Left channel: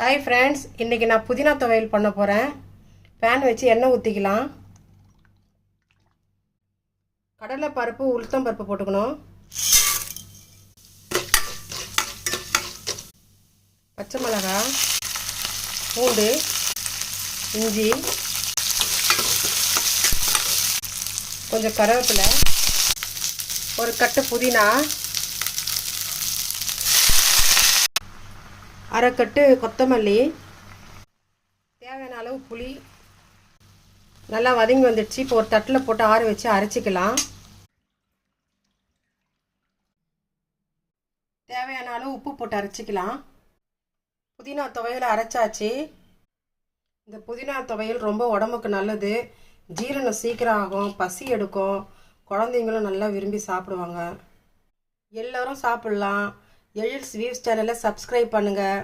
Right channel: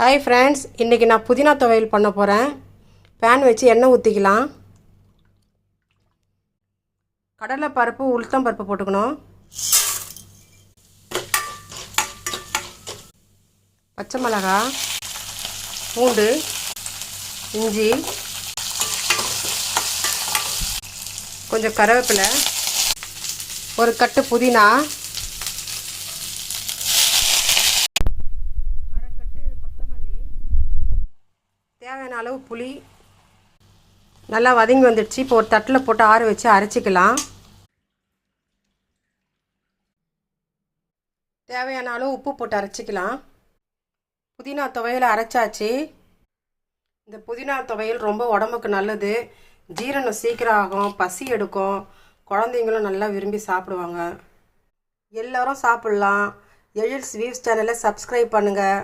Hi friends, இன்றைக்கி நான் புதினா துவையல் பண்ண போகிறேன். பேன் வச்சு எண்ணெய் ஊற்றிக்கலாம். கடலை பருப்பு, உளுத்தம் பருப்பு போட்டுக்கணும். பச்சை மிளகாய், பூண்டு, இஞ்சி, கொஞ்சம் கருவேப்பிலை, ஒரு கட்டு புதினா, அரை கட்டு கொத்தமல்லி, தேவையான அளவு புளி. நல்லா வதங்கி வந்துடுச்சு. இப்போ ஒரு தட்டில் போட்டு ஆற வச்சு அரைச்சிக்கலாம். தேவையான அளவு உப்பு போட்டு அரைச்சிக்கலாம். புதினா துவையல் அரைச்சாச்சு. இந்த புதினா துவையல் ரொம்ப உடம்புக்கு நல்லது. ஜீரணம் சீக்கிரம் ஆகும், பசி எடுக்கும். குழந்தைங்களும் நல்லா விரும்பி சாப்பிடுவாங்க. எல்லோரும் சாப்பிட்லாம். எழில் ஸ்வீட்ஸ் சேனலை சப்ஸ்கிரைப் பண்ணுங்கள்.